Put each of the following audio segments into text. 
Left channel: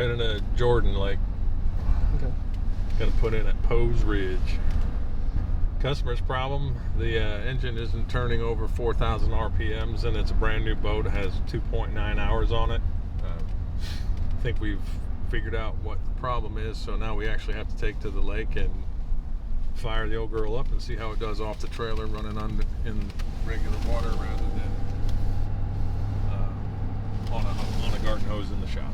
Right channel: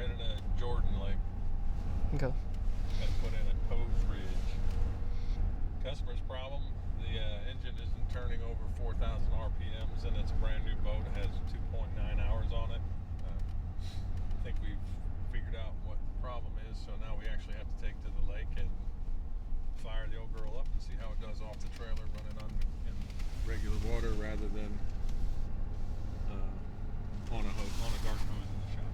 heading to Jordan Lake. Okay. Gonna put in at Pose Ridge. Customer's problem, the engine isn't turning over 4,000 RPMs, and it's a brand new boat. It has 2.9 hours on it. I think we've figured out what the problem is, so now we actually have to take to the lake and fire the old girl up and see how it does off the trailer running in regular water rather than on a garden hose in the shop.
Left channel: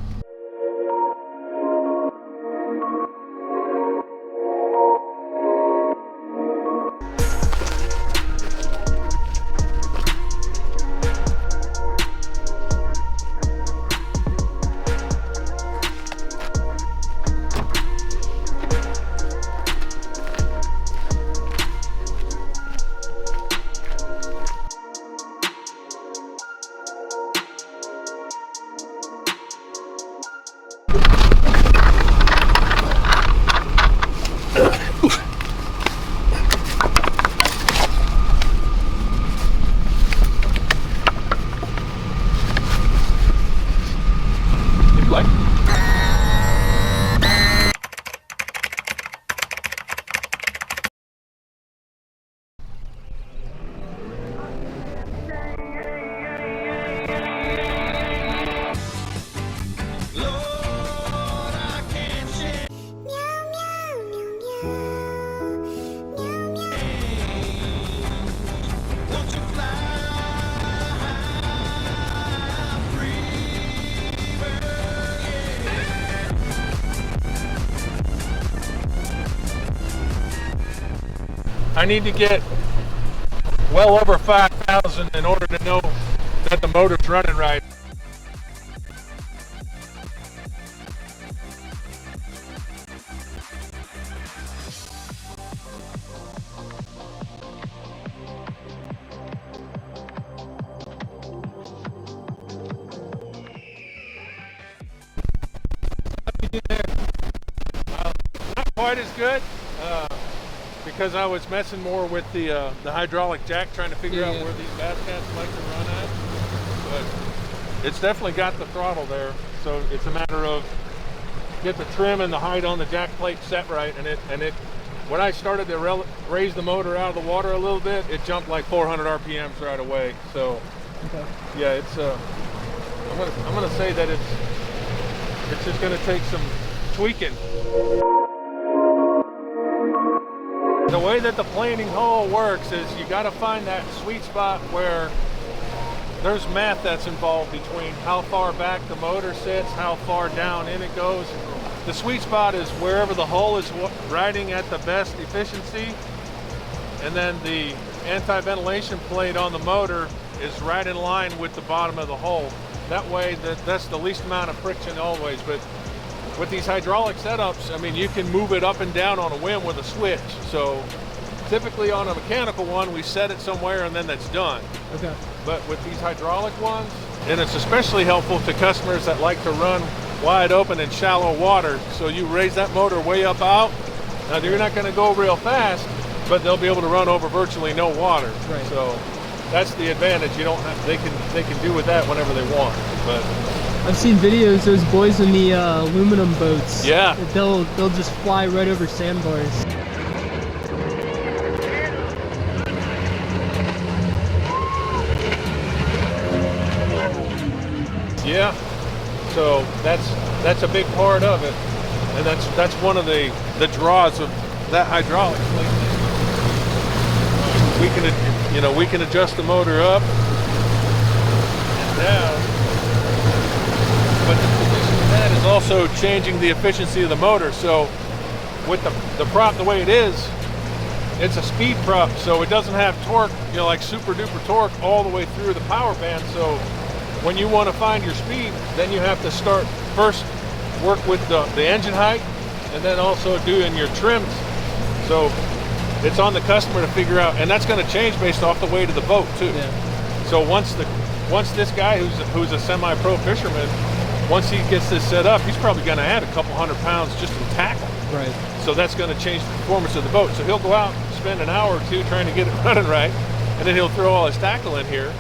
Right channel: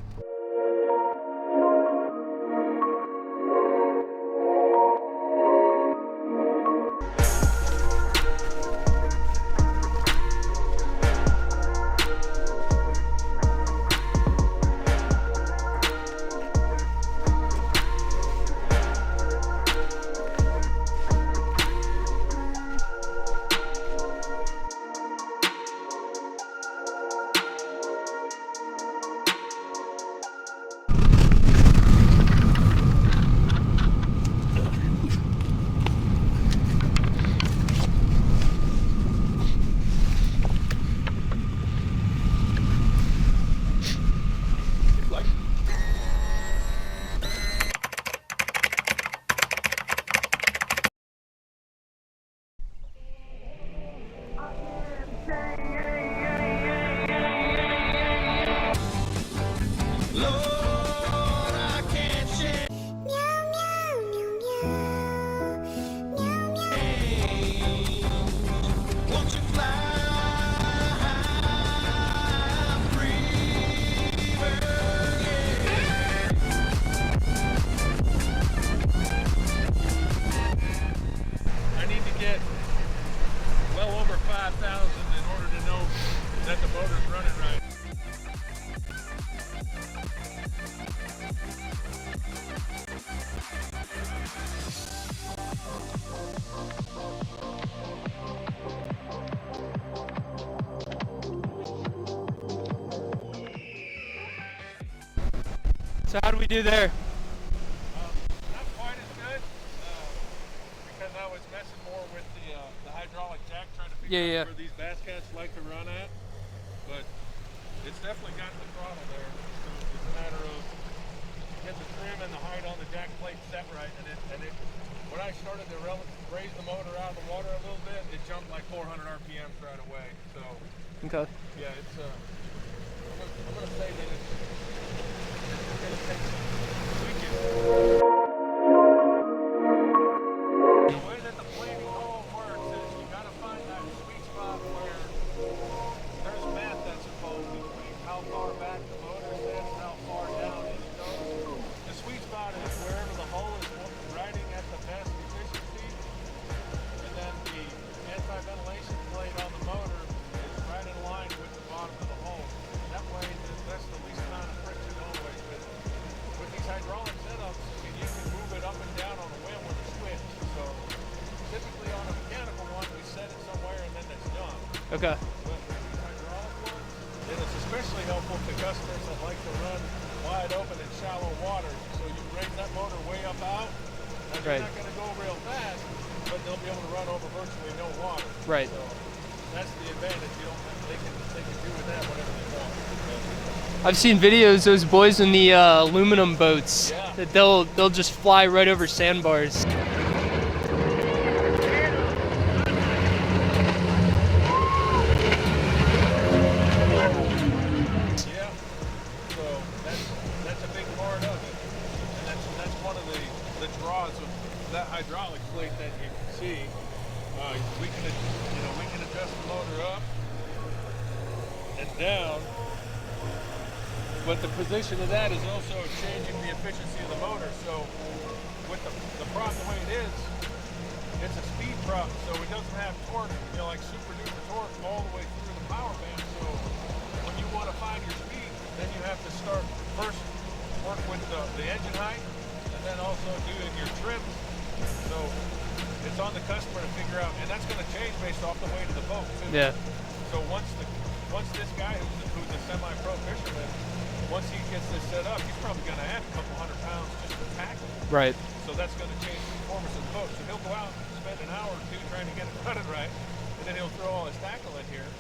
I need to get well over 5,000 in order to know that the motor's running right. So how do we do there? Not quite as good. Because I was messing more with the hydraulic jack, trying to figure out where these bass cats like to run at. But it's definitely got the throttle there, so it's a matter of get the trim and the height on the jack plate set right. And it when I started to raise the motor out of the water a little bit, it jumped like 400 RPMs right away. So yeah, it's I'm gonna say that it's just gonna take some tweaking. The way that the planing hole works is you got to find that sweet spot where there's math that's involved between how far back the motor sits, how far down in it goes. The sweet spot is wherever the hull is riding at the best efficiency, and then the anti-ventilation plate on the motor is right in line with the bottom of the hull. That way that's the least amount of friction always. But with these hydraulic setups, I mean, you can move it up and down on a whim with a switch. So typically on a mechanical one, we set it somewhere and then that's done. Okay. But with these hydraulic ones, and it's especially helpful to customers that like to run wide open in shallow water. So you raise that motor way up out. Now you're not going to go real fast, but they'll be able to run over virtually no water. Right. So that's the advantage. You don't have, they can do with that whenever they want. But I've seen videos, those boys in the aluminum boats. Yeah. They'll just fly right over sandbars. Yeah. So that's a big part of it, and that's one of the draws of that hydraulic plate. We can adjust the motor up and down. But the position of that is also changing the efficiency of the motor. So with the prop the way it is, it's a speed prop, so it doesn't have torque, like super duper torque all the way through the power band. So when you want to find your speed, then you have to start first work with the engine height and then also doing your trims. So it's on the customer to figure out, and that's going to change based off the weight of the boat too. Yeah. So once this guy who's a semi-pro fisherman, once he gets this set up, he's probably going to add a couple 100 pounds just in tackle. Right. So that's going to change the performance of the boat. So he'll go out and spend an hour or two trying to get it running right, and then he'll throw all his tackle in here.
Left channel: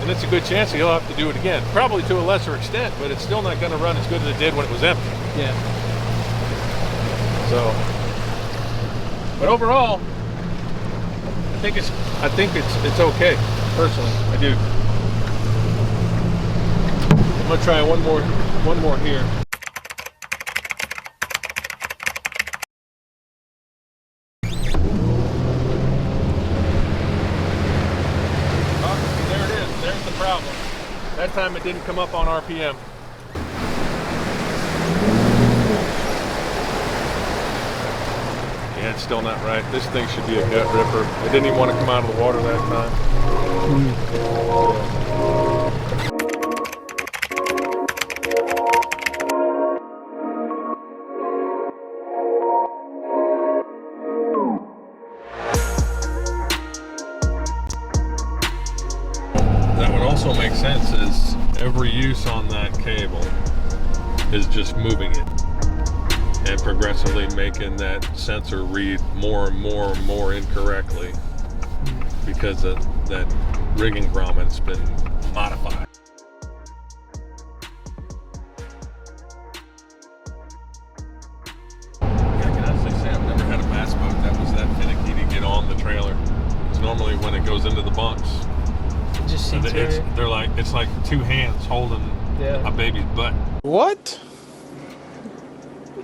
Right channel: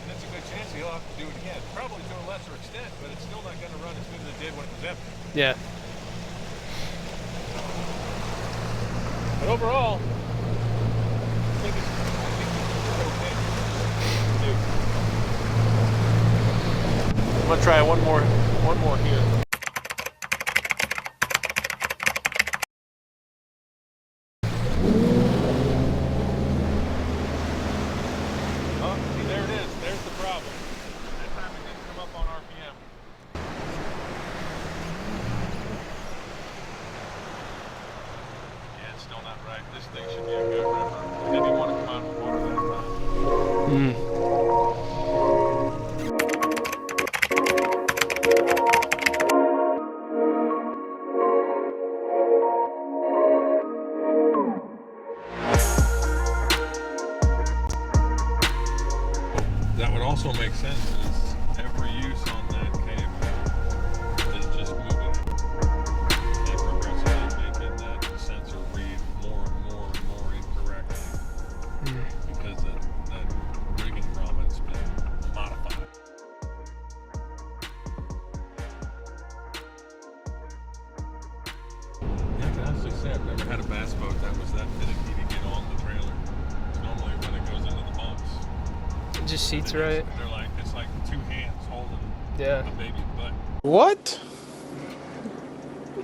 and it's a good chance he'll have to do it again. Probably to a lesser extent, but it's still not going to run as good as it did when it was empty. Yeah. So, but overall, I think it's okay. Personally, I do. I'm gonna try one more here. Oh, there it is. There's the problem. That time it didn't come up on RPM. Yeah, it's still not right. This thing should be a gut ripper. It didn't even want to come out of the water that time. That would also make sense, is every use on that cable is just moving it and progressively making that sensor read more and more and more incorrectly because of that rigging grommet's been modified. I can honestly say I've never had a bass boat that was that finicky to get on the trailer. Because normally when it goes into the bunks, It just seats right. it's like two hands holding a baby's butt. What?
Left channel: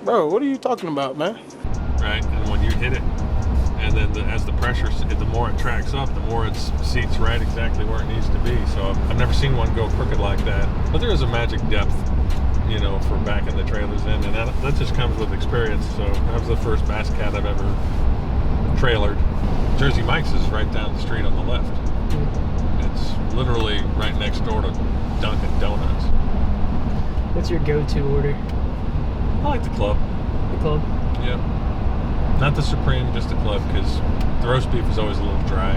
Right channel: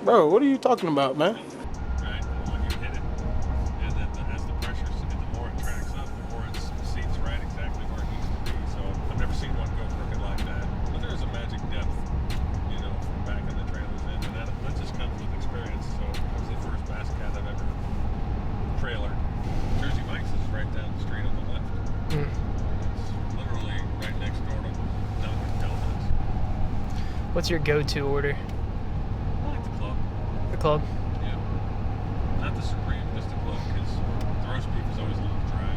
Bro, what are you talking about, man? Right, and when you hit it, and then as the pressure, the more it tracks up, the more it seats right exactly where it needs to be. So I've never seen one go crooked like that. But there is a magic depth, you know, for backing the trailers in, and that just comes with experience. So that was the first bass cat I've ever trailered. Jersey Mike's is right down the street on the left. It's literally right next door to Dunkin' Donuts. What's your go-to order? I like the club. The club? Yeah. Not the Supreme, just the club, because the roast beef is always a little dry.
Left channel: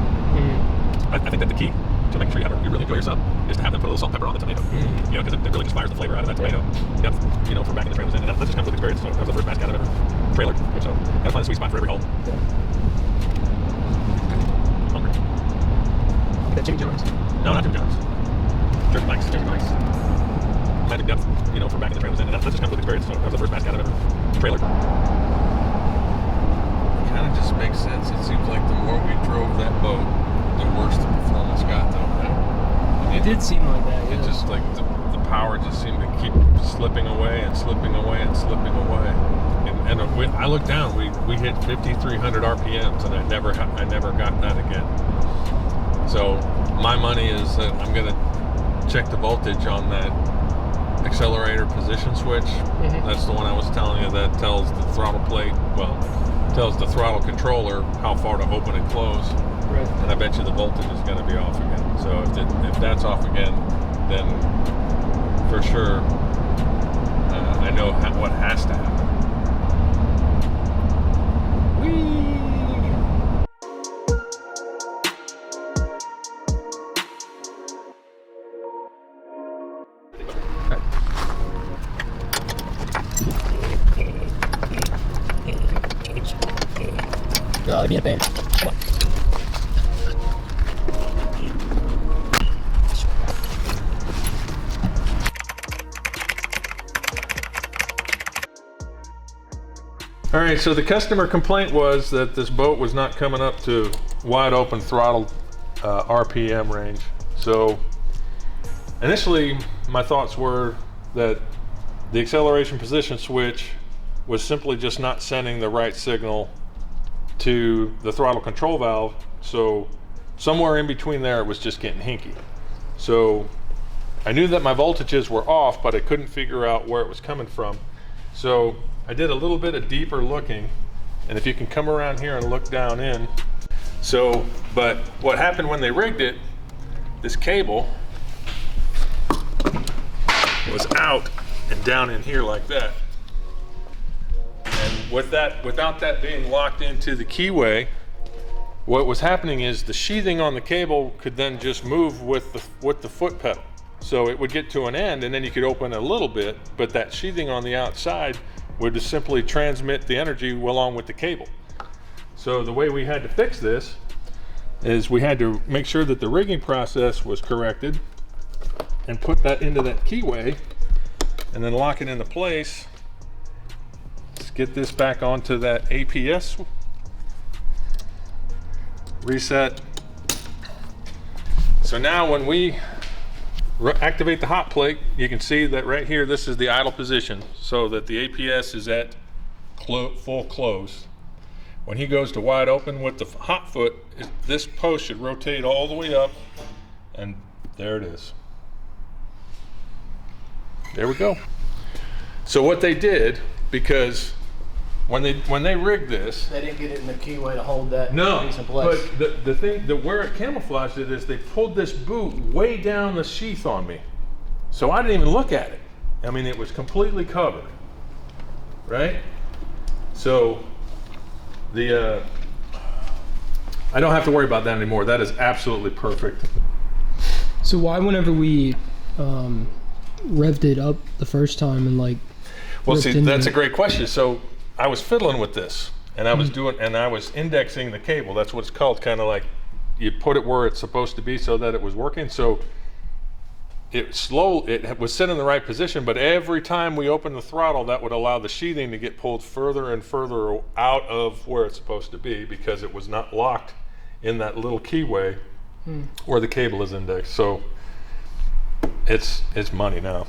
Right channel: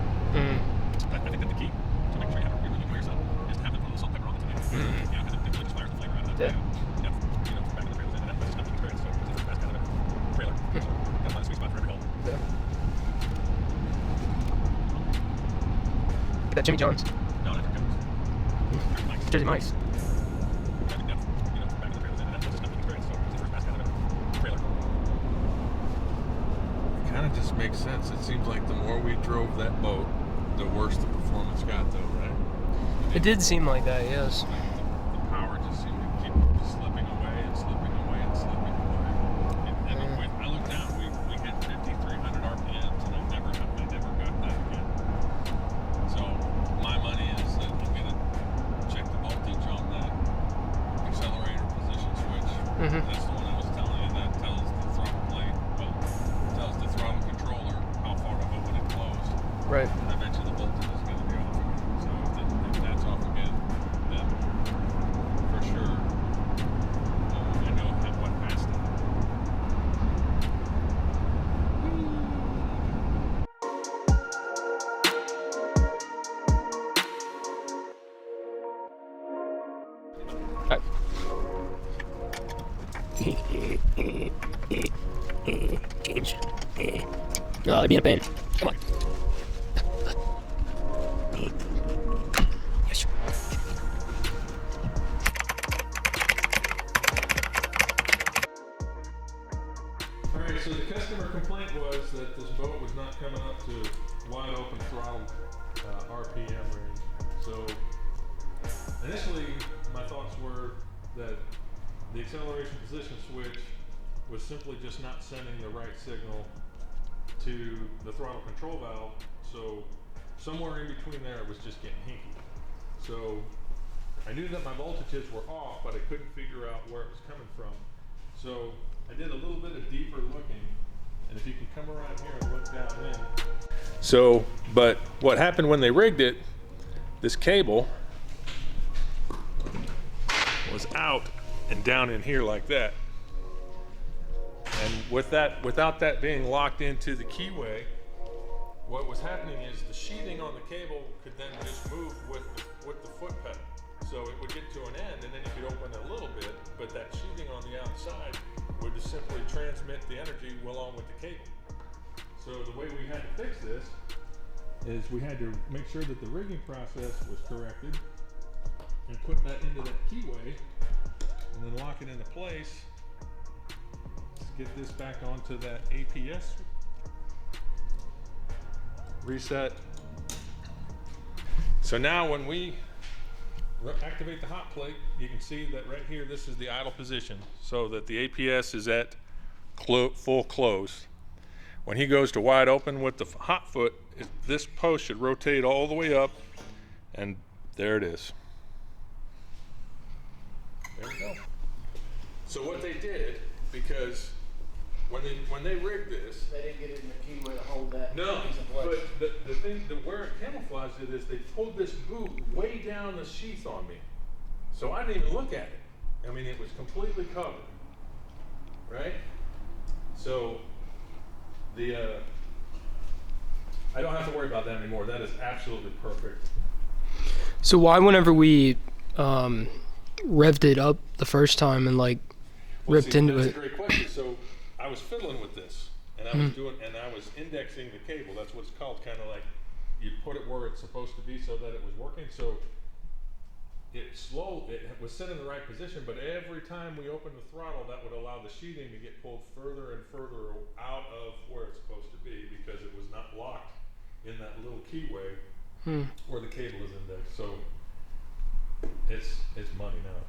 I think that the key to making sure you really enjoy your sub is to have them put a little salt and pepper on the tomato. You know, because it really just fires the flavor out of that tomato. Yep. You know, for backing the trailers in. And that just comes with experience. So that was the first bass cat I've ever trailered. So gotta find a sweet spot for every hole. Hungry. That Jimmy John's? No, not Jimmy John's. Jersey Mike's. Jersey Mike's. Magic depth, you know, for backing the trailers in. And that just comes with experience. So that was the first bass cat I've ever trailered. Kind of just makes sense. It seems like the more we drove that boat, the worse the performance got, though, right? I mean, It did seem like that, yeah. It just like the power just seemed to keep slipping away and slipping away and slipping away. And I looked down. We hit 5,300 RPMs, and I never got that again. So my money is that I'm gonna check the voltage on that accelerator position switch. That's the one I was telling you that tells the throttle plate, tells the throttle controller how far to open and close. Right. And I bet you the voltage is going to be off again. So if that's off again, then for sure I know what has to happen. Whee! Oh, be a baby. Come on. All right, so the customer complaint was that this boat was not coming up to wide open throttled RPM range. So initially my thoughts were that the acceleration position switch was simply just not sending the right signal to the throttle control valve. So somewhere in between there it was just getting hinky. So I knew that my voltages were off, but I couldn't figure out where it was coming from. So I did a little bit of deeper looking, and if you can come around here and look down in. So, but what happened when they rigged it, this cable was out and down in here like that. And without that being locked into the keyway, what was happening is the sheathing on the cable could then just move with the foot pedal. So it would get to an end and then you could open a little bit, but that sheathing on the outside would just simply transmit the energy along with the cable. So the way we had to fix this is we had to make sure that the rigging process was corrected. and put that into that keyway and then lock it into place. Let's get this back onto that APS. Reset. So now when we activate the hot plate, you can see that right here, this is the idle position, so that the APS is at full close. When he goes to wide open with the hot foot, this post should rotate all the way up, and there it is. There we go. So what they did, because when they rigged this, They didn't get it in the keyway to hold that no, piece in place. but the thing, where it camouflaged it is they pulled this boot way down the sheath on me. So I didn't even look at it. I mean, it was completely covered, right? So I don't have to worry about that anymore. That is absolutely perfect. So why, whenever we revved it up the first time and like Well, ripped see, into that's it? a great question. So I was fiddling with this, and I was indexing the cable. That's what it's called, kind of like you put it where it's supposed to be so that it was working. So it was set in the right position, but every time we opened the throttle, that would allow the sheathing to get pulled further and further out of where it's supposed to be, because it was not locked in that little keyway where the cable is indexed. So it's money now.